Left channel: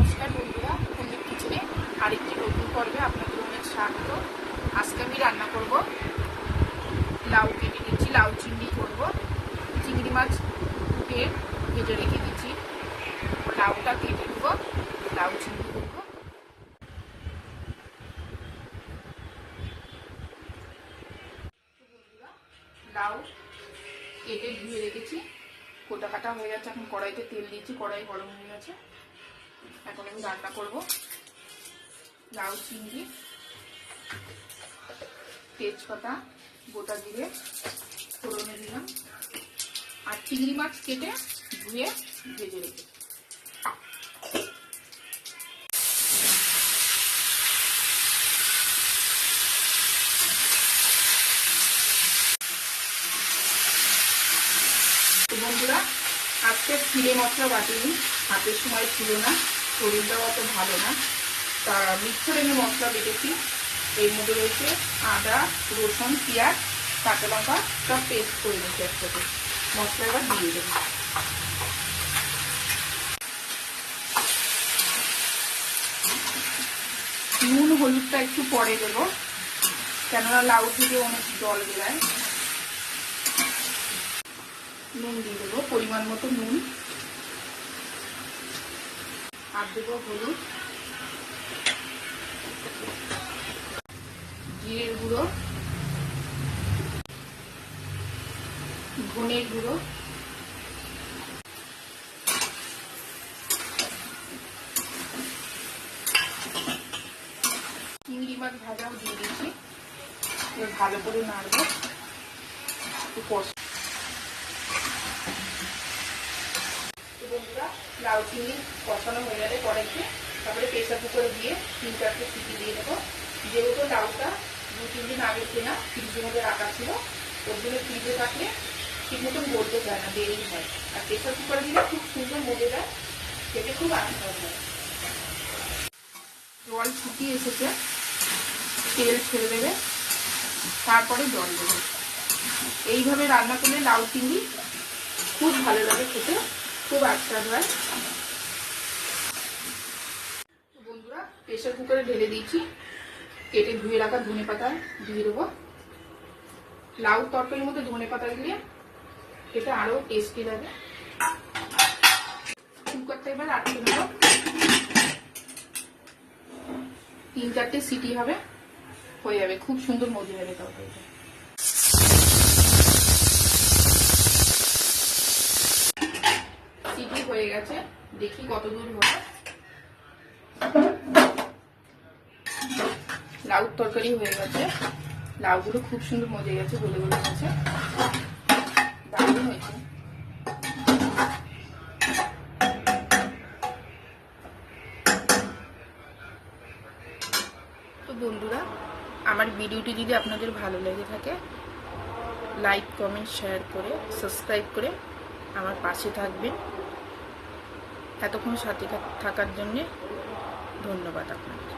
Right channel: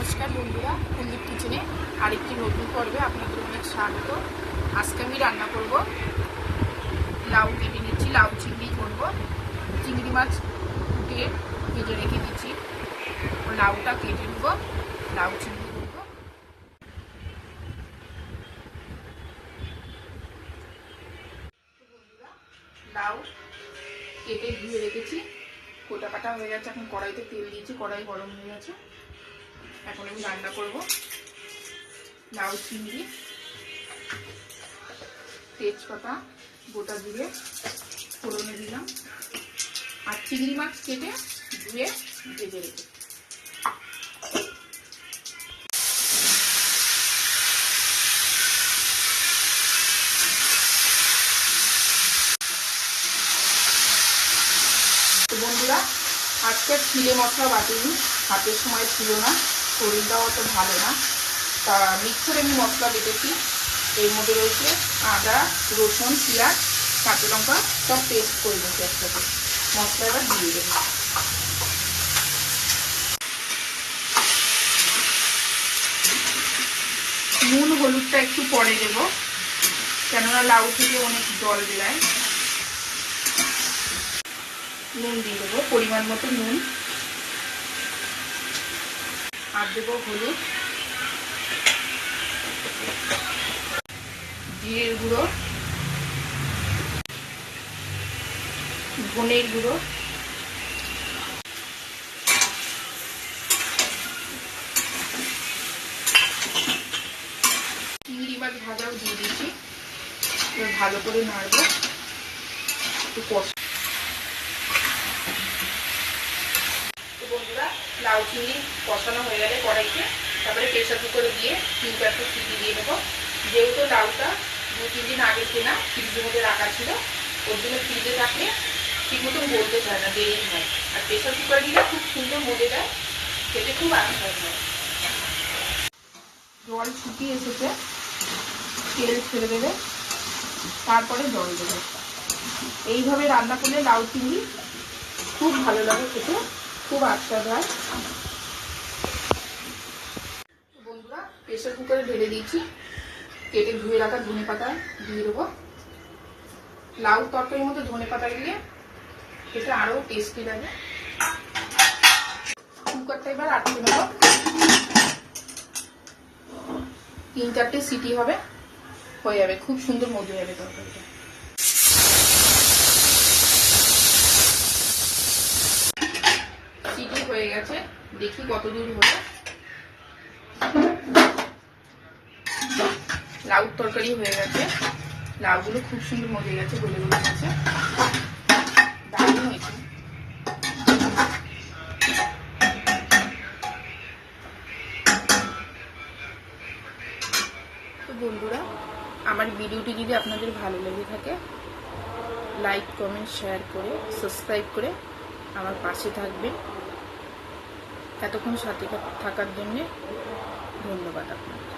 নমস্কার বন্ধুরা, কুন্দির কিচেনে আরেকটি নতুন পর্বে আপনাদের অনেক স্বাগত। আজকে আমি রান্না করব লাউ কেটে নিচ্ছি, লাউ চিংড়ি করব। চিংড়ি মাছ কুটে ভেজে রেখে দিচ্ছি, লাউটা কেটে নেব, লাউ চিংড়ি করব। লাউ কেটে ধুয়ে রেখেছি, কোটা কাটা হয়ে গেছে। এখন কড়াইতে তেল দিয়েছি, কড়াই গরম হয়ে গেছে। এখন আমি রান্না করব লাউ চিংড়ি, তেজপাতা, গোটা জিরে ফোড়নে দিলাম, আর চিংড়ি মাছ কেটে ধুয়ে ভেজে রেখে। বন্ধুরা, আজকে জিরে মশলা বাটিনি, হাতের সময় ছিল না, শরীরটাও অত ভালো না, তা মিক্সারে আমি মশলা বেটেছি। এর মধ্যে রয়েছে আদা, রসুন, পেঁয়াজ, কাঁচা লঙ্কা, সব পেস্ট করে নিয়েছি একসাথে। মশলাটা দিয়ে দেবো। নুন হলুদটা একটু পরে দেবো, কেননা লাউ থেকে অনেক জল বেরোয়। নুন দিয়ে দেবো, পরিমাণ মতো নুন, আর দেবো হলুদ, জিরের গুঁড়ো, ধনের গুঁড়ো, চিংড়ি মাছ ভাজাও দিয়ে দিয়েছি। ভালো করে নাড়বো, একটু কষা। বন্ধুরা, লাউ চিংড়ি কষানো হয়ে গেলে কড়াইতে তারপরে প্রেসার কুকারে দিয়ে 3-4টে সিটি দিয়ে দেবো। যেহেতু লাউটা 2-3 দিন আগে কেনা, ফ্রিজের মধ্যে রাখা ছিল, ওর জন্য ফ্রিজে থাকলে ঠিক মতন বলতে চায় না, দেরি হয়। আর প্রেসার কুকারে দিলে খুব সুন্দর মজে যায়, খেতে খুব আনন্দ হয়। জল ফুটিয়ে এসেছে, তেল ছেড়ে দেবে, তারপরে জল দেবে। এইভাবে রান্না করলে লাউ চিংড়ি খুব ভালো লাগে খেতে, খুব আস্বাদ হয়। বন্ধুরা, প্রেসার কুকারে ঢেলে দিয়েছি, কেটে ধুয়ে রাখা ধনে পাতা দিয়ে দেবো। লাউ তরকারির মধ্যে ধনে পাতা দিলে এটা আরো টেস্টি লাগে। কুকারটা এবার আটকে নেব, 3-4টে সিটি হবে, হয়ে যাবে, খুব সুন্দর মজে যাবে তরকারিটা। সিটি হয়ে গেছে, দেখি কত দূর হবে। লাউ তরকারি হয়ে গেছে, লাউগুলো খুব সুন্দর মজে গেছে, গলে গলে গেছে, দারুণ হয়েছে। তো বন্ধুরা, আমার ভিডিওটি যদি আপনাদের ভালো লেগে থাকে, লাইক, কমেন্ট, শেয়ার করে সাবস্ক্রাইব করে আমার পাশে থাকবেন। এতক্ষণ সাথে থাকার জন্য ধন্যবাদ আপনাকে।